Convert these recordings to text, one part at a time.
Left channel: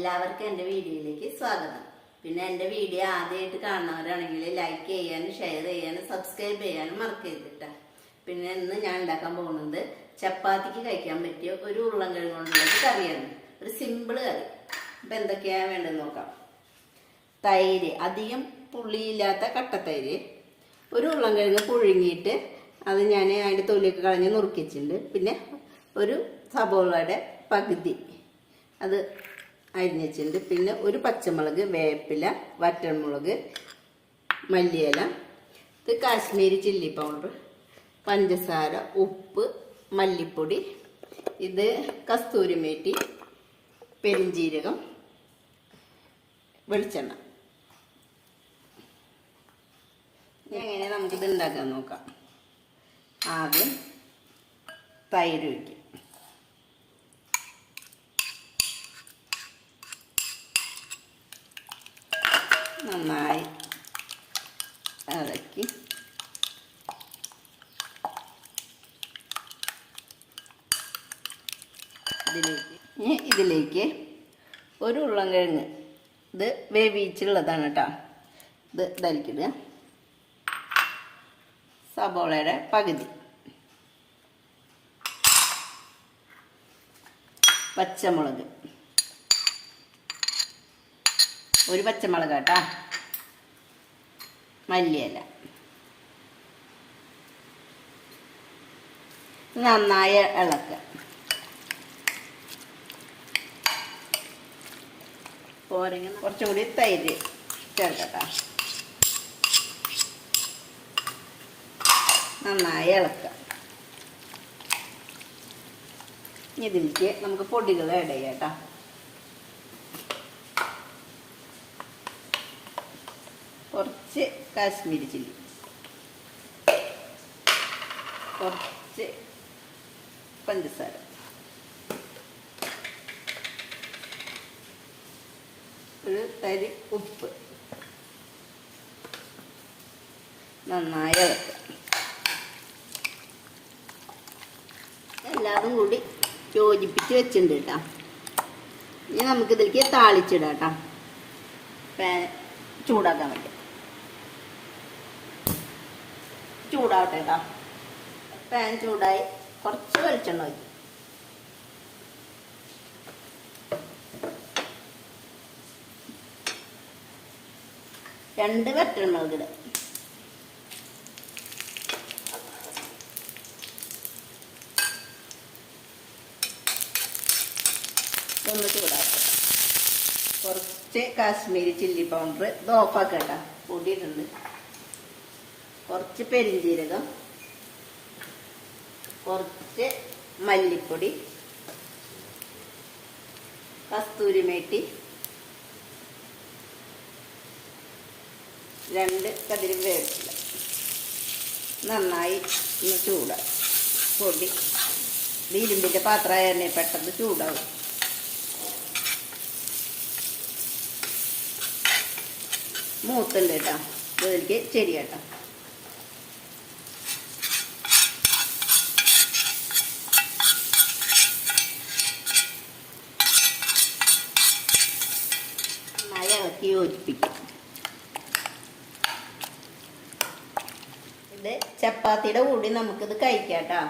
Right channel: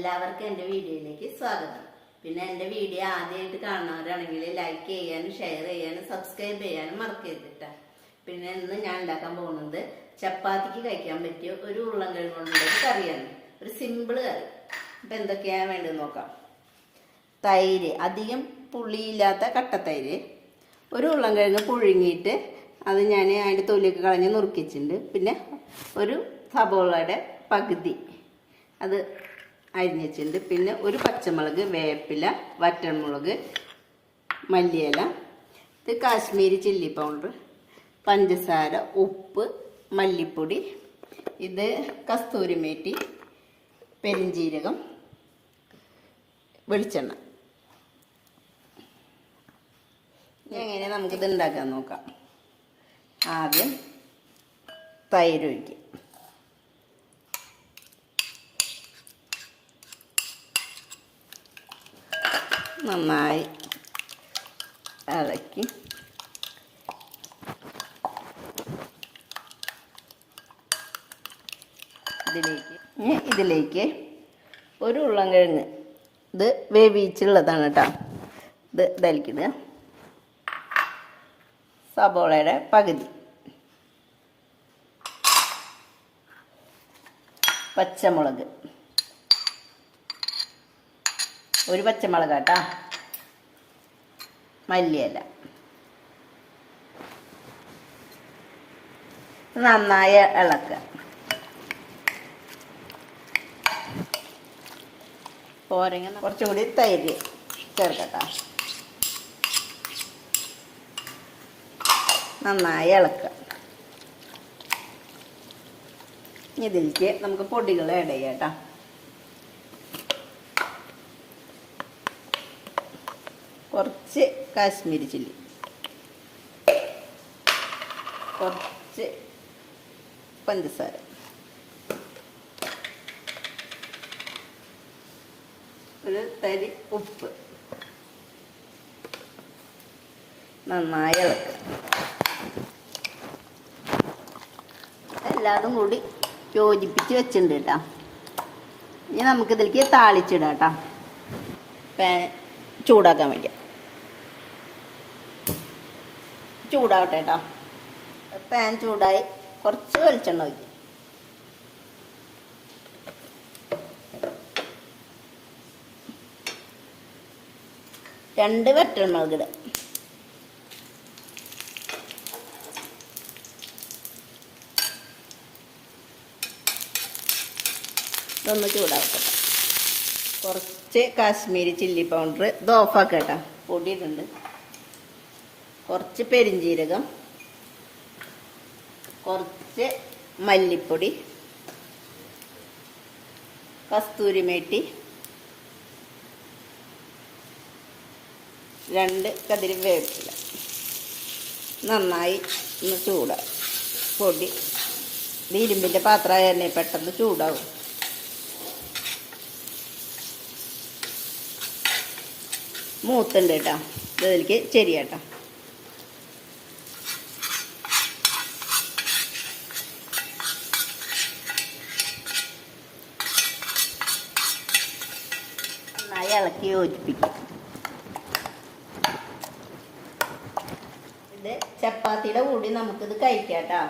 എല്ലാവർക്കും എന്റെ വീഡിയോയിലേക്ക് സ്വാഗതം. പിന്നെ എന്റെ വീഡിയോ ആദ്യമായിട്ട് കാണുന്നവരാണെങ്കിൽ ലൈക്ക് ചെയ്യാനും ഷെയർ ചെയ്യാനും സബ്സ്ക്രൈബ് ചെയ്യാനും മറക്കരുതിട്ട പിന്നെ ഇന്ന് ഞാൻ ഉണ്ടാക്കാൻ പോകുന്നത് ചപ്പാത്തിക്ക് കഴിക്കാൻ പറ്റിയ ഒരു ഉരുളൻകിഴങ്ങ് കൊണ്ടുള്ള കറിയാണ്. ഒരു സിമ്പിൾ കറി. അപ്പം എന്തൊക്കെയാണ് വേണ്ടത് നോക്കാം. തൈര് അധികം പുളിയില്ലാത്ത കട്ടത്തൈര് ഒരു ഉരുളൻകിഴങ്ങ് പുഴുങ്ങിയിട്ട് അത് ഞാൻ അതിന്റെ തൊലിയൊക്കെ കളഞ്ഞ് നുറുക്കിച്ചിട്ടുണ്ട് പിന്നെ ഒരു സബോളയുടെ പകുതി. അത് അരിഞ്ഞ് വെച്ചിട്ടുണ്ട് പിന്നെ ഒരു പച്ചമുളക് വേപ്പില വറ്റൻമുളക് മല്ലിയില ഇത് കാശ്മീരി ചില്ലി പൗഡർ പഞ്ചസാര ഉപ്പ് മല്ലിപ്പൊടി ഇത് കസ്തൂരി മേറ്റി പെരിഞ്ജീരകം വെളിച്ചെണ്ണ. എങ്ങനെ നമുക്കിത് ഉണ്ടാക്കാൻ നോക്കാം. ആദ്യം തൈര് ഒഴിക്കും നന്നായി ഇളക്കി. ഇതിലേക്ക് ഇനി ഇതിലേക്ക് ഒരു ഉരുളൻകിഴങ്ങ് ഇത് വേവിച്ചുള്ളതാണ് കേട്ടോ. ഇത് ഇതലിക്കിടുക സബോളയുടെ പകുതി. പച്ചമുളക്. ഒരു പച്ചമുളക് കേട്ടാ. മല്ലിയില. നന്നായി ഇളക്കുക പോരങ്ങ കുറച്ചും കൂടി തൈര് ചേർക്കട്ടെ. നന്നായി ഇളക്കുക ഇനി ഇതിലേക്ക് നമുക്ക് പൊടികൾ ആഡ് ചെയ്യാം കേട്ടോ കുറച്ച് കാശ്മീരി ചില്ലി. കുറച്ച് പഞ്ചസാര. ഒരു തരി ഉപ്പ്. നന്നായി ഇളക്കുക. എല്ലാതും കൂടി യോജിപ്പിച്ച് വെച്ചിട്ടുണ്ട് കേട്ടോ. ഇനി നമുക്കിതിലേക്ക് താളിച്ചിടാം കേട്ടോ. ചൂടാക്കാൻ വേണ്ടി ചൂടാവട്ടെ കേട്ടോ പാൻ ചൂടായി. കുറച്ച് വെളിച്ചെണ്ണ വയ്ക്കും രണ്ട് വറ്റെണ്ണ ഇവിടെ ഒന്ന് ചൂടാക്കട്ടെ കുറച്ച് കാശ്മീരി ചില്ലി പൗഡർ ഇത് കേട്ടോ. പൊടി ഇതുണ്ട് കുറച്ച് പെരിഞ്ജീരകം കുറച്ച് മല്ലിപ്പൊടി കസ്തൂരി മേട്ടി രണ്ട് കതിരി വേപ്പില. നന്നായി ഒന്ന് ചൂടാ. പൊടി. ഇരുമ്പിന്റെ പാത്രമായ തന്നെ പെട്ടെന്ന് ചൂടാവും. മൂത്തുണ്ട് കേട്ടോ. ഇതിലേക്ക് ചെരിയാട്ടോ നന്നായി ഇളക്കി യോജിപ്പിക്കും. ഇത് ചപ്പാത്തിയുടെ കൂടി നമുക്കിത് കഴിക്കാം കേട്ടോ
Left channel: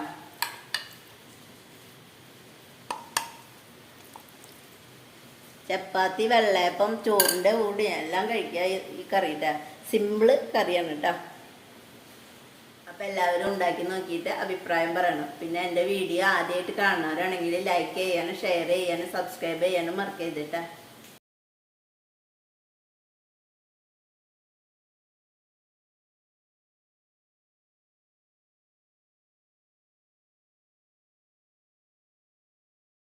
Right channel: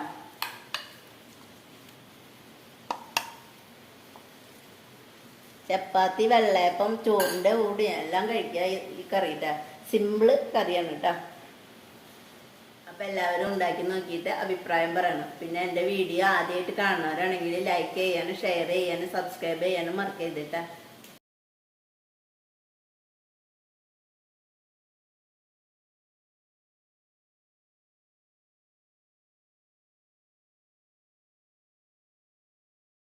ചപ്പാത്തി വെള്ളയപ്പം ചോറിന്റെ കൂടി എല്ലാം കഴിക്കുക ഈ- കറിയിട്ട. കറിയുടെ സിമ്പിൾ കറിയാണ് കേട്ടോ. അപ്പം എല്ലാവരും ഉണ്ടാക്കി നോക്കിയിട്ട് അഭിപ്രായം പറയണം. പിന്നെ എന്റെ വീഡിയോ ആദ്യമായിട്ട് കാണുന്നവരാണെങ്കിൽ ലൈക്ക് ചെയ്യാനും ഷെയർ ചെയ്യാനും സബ്സ്ക്രൈബ് ചെയ്യാനും മറക്കരുത് കേട്ടോ.